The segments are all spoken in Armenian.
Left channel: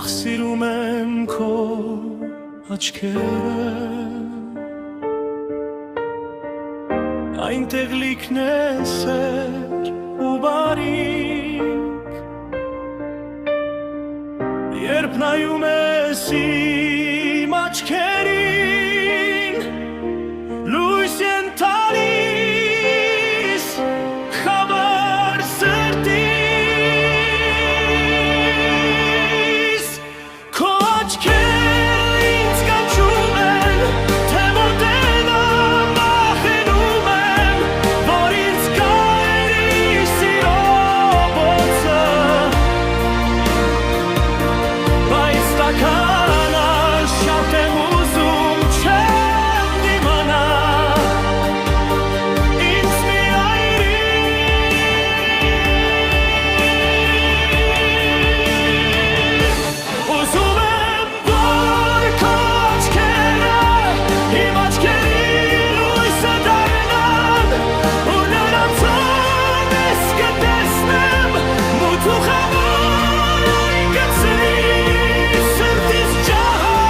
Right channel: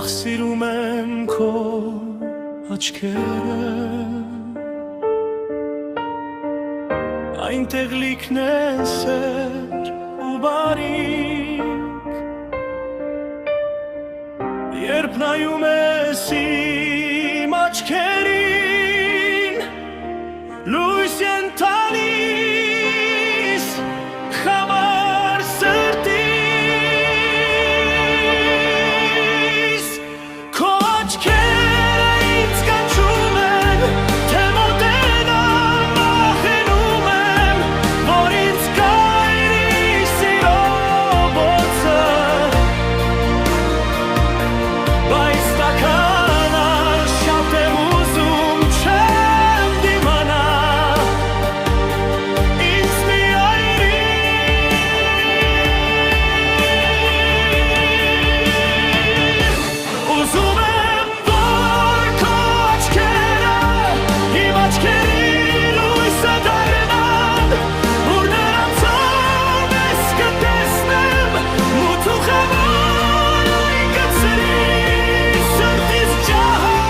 ախ սիրում եմ քո աչքերը, այնտեղ լիքն է սեր ու բարիք, երբ նայում ես իմ աչքերին, լույս են տալիս խավար սրտիս, քո աչքերը ինձ կանչում են, թե մոտենամ վախենում եմ, որ ինձ կայրի սիրո բոցը, բայց տաքանալ շատ եմ ուզում, չեմ դիմանա ինձ մի այրի, ուզում եմ, որ քո աչքերը իմ աչքերի լույսը դառնան, ուր նրանցով ես կտեսնեմ մութ ու խավար այն գցրի սրտիս ջահը,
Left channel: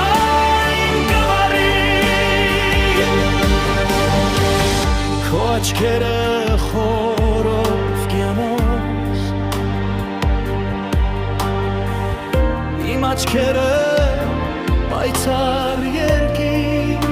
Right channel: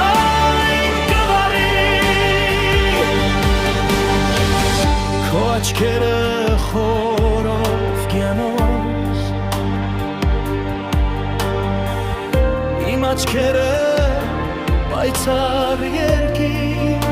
այն կվարի, քո աչքերը խորով կյանոց, իմ աչքերը պայծառ երկինք,